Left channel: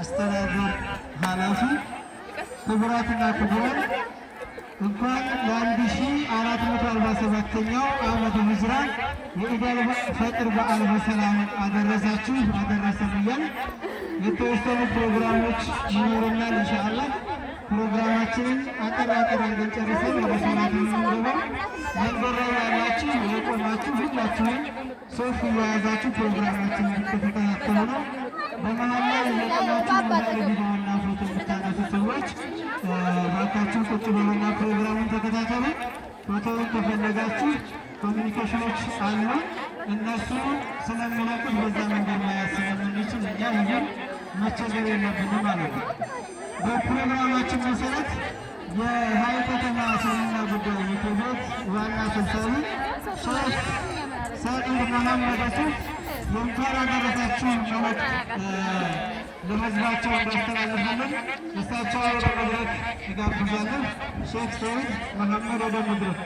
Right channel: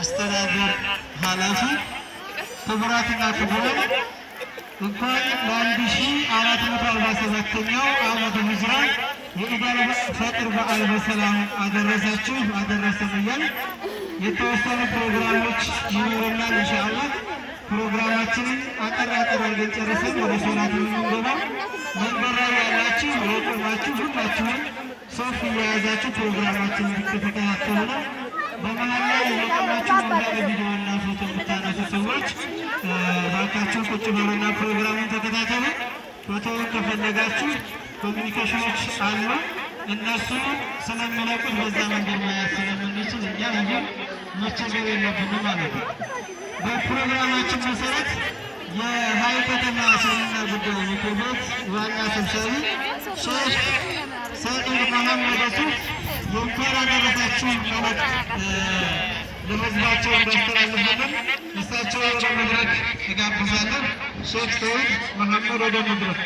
አስተዳደር ኃላፊ ክቡራትና ክቡራን እንኳን ለ1447ኛው ዓመተ ሂጅራ የኢድ አል-ፈጥር በዓል በሰላም አደረሳችሁ አደረሰን እያልን የተወሰኑ ፕሮግራሞች ይኖሩናል። ኢንሻአላህ ፕሮግራማችንን አጠር አድርገን ጨርሰን ወደ ሰላት የምንገባ መንበር ላይ ያላችሁ የቆማችሁ ሁላችሁም ሶፍ እየያዛችሁ ፕሮግራማችንን እንድትከታተሉ ነው። በመሀል ላይ የቆማችሁ ሞባይል ቪዲዮና ፎቶ የምታነሱ ሰዎች ባካችሁ ቁጭ በሉና ፕሮግራሙን ተከታተሉ። ፎቶውን ከፈለጋችሁ ኮሚኒኬሽኖች አሉ፣ እነሱ ስለሚለቁት በዛ መንገድ ማየት ስለምንችል እኛ ብዙም መቸገር የለብንም ማለት ነው። በፕሮግራማችን መሰረት የሀይቅ ከተማ እስልምና ጉዳይ ምክር ቤት ዋና ሰብሳቢ ሼህ ሰኢድ መሐመድ ሱፍ የእንኳን አደረሳችሁ መልእክት ለህዝባቸው እንዲያስተላልፉልን እሳቸው ወደ መድረክ እጋብዛለሁ። ሼህ ሰኢድ መሐመድ ወደ መድረክ